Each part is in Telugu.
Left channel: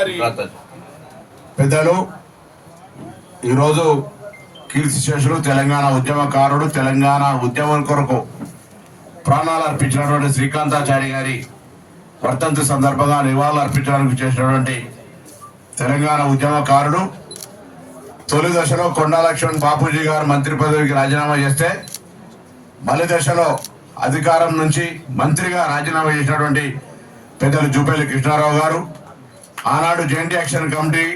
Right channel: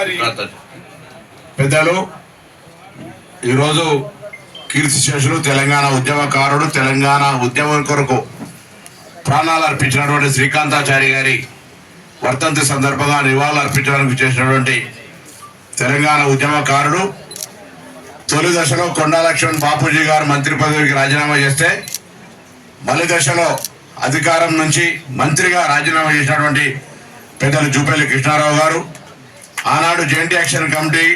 గారి పెద్దలు ఈరోజు కీర్తిశేషులు తెలంగాణ ఉద్యమకారుడు, తెలంగాణ ఉద్యమం కొరకు ప్రాణాలు అర్పించినటువంటి శ్రీకాంతాచారి గారి వర్ధంతి సందర్భంగా నివాళులు అర్పించడానికి చేసినటువంటి తెలంగాణ ఉద్యమకారుడు, తొలి దశలో కొండా లక్ష్మణ్ బాపూజీ గారు మంత్రి పదవికి రాజీనామా చేస్తే మలి దశలో అధికారం నుంచి మంత్రిగా రాజీనామా చేసినటువంటి పెద్దలు జూపల్లి కృష్ణారావు గారు, ఆనాడు జాయింట్ యాక్షన్ కమిటీ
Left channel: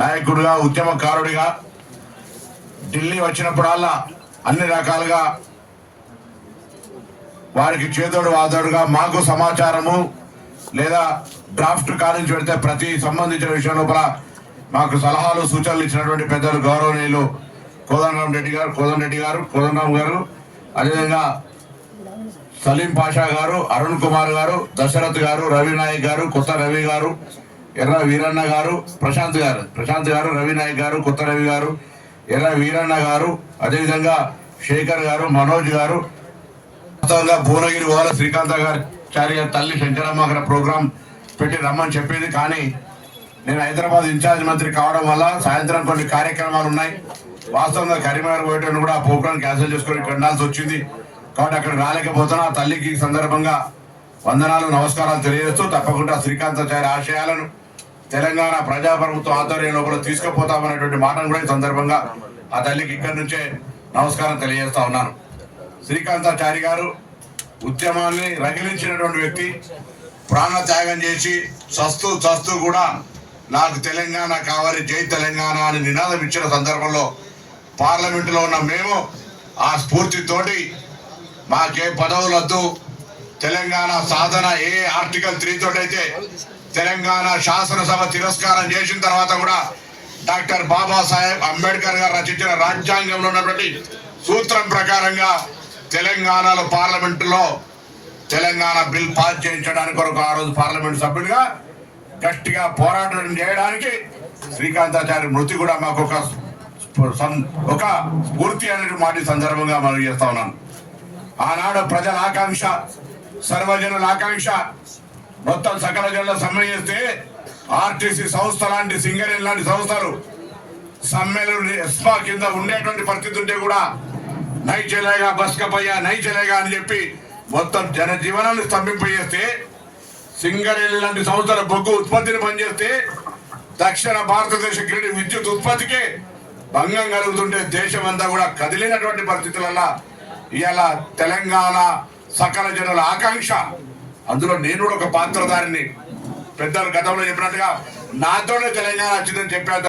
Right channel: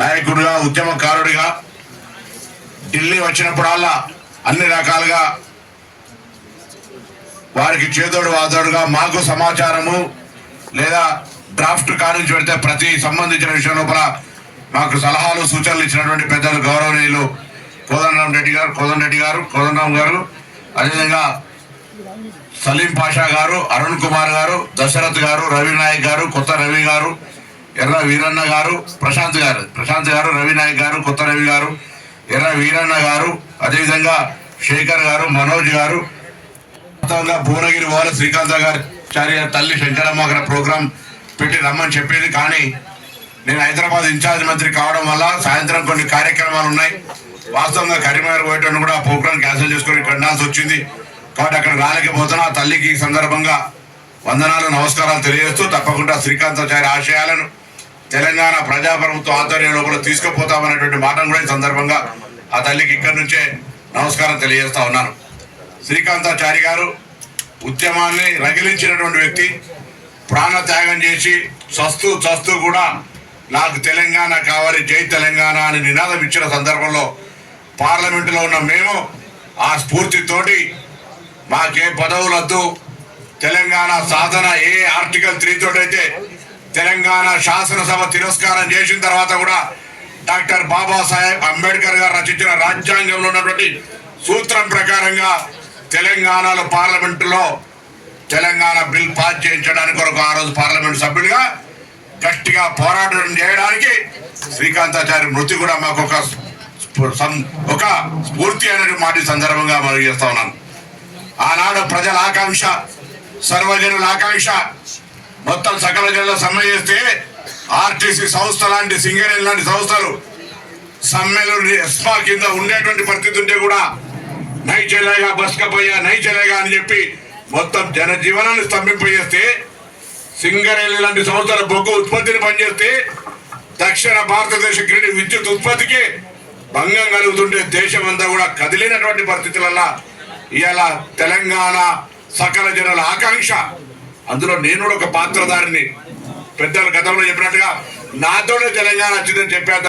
నాయకుడిగా, ఉద్యమకారుడిగా ఢిల్లీ వచ్చినప్పుడల్లా అన్ని రకాలుగా వారికి చేదోడు వాదోడుగా మాకు సమాచారము లేదా డ్రాఫ్ట్ కారించి పెడితే ప్రతి సంబంధించిన విషయం లోపల మాకు సలహాలు సూచనలు ఇచ్చినటువంటి పెద్దలు గౌరవనీయులు కోదండరామ్ గారు, అదేవిధంగా సలీం పాషా గారు, అరుణ్ కుమార్ గారు, దశరథ్ గారు, రవి నాయక్ గారు, కొత్త రవి గారు, ఎర్ర వీరన్న గారు, ప్రశాంత్ గారు, రవి నాయక్ గారు, కొత్త రవి గారు, ఎర్ర వీరన్న గారు, అదేవిధంగా శేఖర్ గారు, మనోజ్ గారు, మొత్తంగా భువనగిరి వాళ్ళ శ్రీకాంతాచారి తల్లి శంకరమ్మ అక్కడ ప్రోగ్రాం పెట్టి రమ్మని చెప్పింది. కానీ నేను హైదరాబాద్ ఇన్ఛార్జ్ మంత్రి కావడం వల్ల సాయంత్రం కొన్ని కార్యక్రమాలు ఉన్నాయి. వాస్తవంగా కరీంనగర్ పోయేటప్పుడు కూడా ఆ ప్రోగ్రాం క్యాన్సిల్ చేసుకొని కండాల్సి వచ్చింది. కాబట్టి అక్కడ రాలేకపోతున్నా. ఆ తల్లికి ఈ సందర్భంగా వందనాలు, నమస్కారాలు తెలియజేస్తూ తప్పకుండా శ్రీకాంతాచారి ఆశయాలను తెలంగాణ ప్రజాప్రభుత్వ ఆధ్వర్యంలో కూడా తీసుకుపోతామనేటువంటి మాటను కూడా ఈ సందర్భంగా ఆ తల్లికి ఇక్కడి నుంచే నమస్కారం తెలియజేస్తా ఉన్నాను. శ్రీకాంతాచారి గారు ఉద్యమాన్ని రగిలించినటువంటి వ్యక్తి, ప్రాణత్యాగం చేసి చస్తూ కూడా నాకు తెలంగాణ కావాలి, జై తెలంగాణ అని నినాదం ఇచ్చిన సందర్భంలో పార్లమెంటులో ఉన్న మేము ఆ స్ఫూర్తితోటి మాకే పదవులద్దు, తెలంగాణ సాధన ఏ ఆర్టికల్ 3 తోటైతే తెలంగాణ శాసనసభ తిరస్కారం చేసిన తర్వాత కూడా డాక్టర్ బాబాసాహెబ్ అంబేద్కర్ గారు రచించిన రాజ్యాంగంలో ఉన్నటువంటి సూత్రం ప్రకారంగా తెలంగాణలో పార్లమెంటులో తెలంగాణ బిల్ పాస్ చేయించడానికి కొరకు ఆ రోజు పార్లమెంట్ సభ్యుడిగా గట్టిగా పోరాటం చేయడానికి శ్రీకాంతాచారి మృతి కూడా మాకు ఒక స్ఫూర్తి అనే మాట సందర్భంగా మనం చేస్తా ఉన్నాను. ఆనాడు ప్రజల ఆకాంక్ష, సర్వజనుల ఆకాంక్ష, మొత్తం సకల జనుల సమ్మె చేస్తే ఆర్టీసీ సంస్థ లాంటి, సింగరేణి లాంటి సంస్థలు సమ్మెలు ఎస్పా కింద ఉండేటువంటి పరిస్థితి ఉంటే కూడా నై చెలేగా, బస్కపోయా, నై చెలేగా అని చెప్పి మొత్తం జనజీవనాన్ని స్తంభింపజేస్తే, సింగరేణి లాంటి సంస్థల బొగ్గు ఉత్పత్తిని పనిచేస్తే దక్షిణ భారతదేశ గ్రిడ్ విద్యుత్ ఉత్పత్తికి భంగం కలుగుతుంటే దేశమంతా కూడా కదిలినటువంటి పరిస్థితులలో ఇవాళ తెలంగాణ సకల జనుల ఆకాంక్ష, అందులో నేను కూడా ఒక పాత్రధారిని. పెద్దలు గతంలో చెప్పినట్టుగా నాతోనే తెలంగాణ వచ్చిందని చెప్పారు.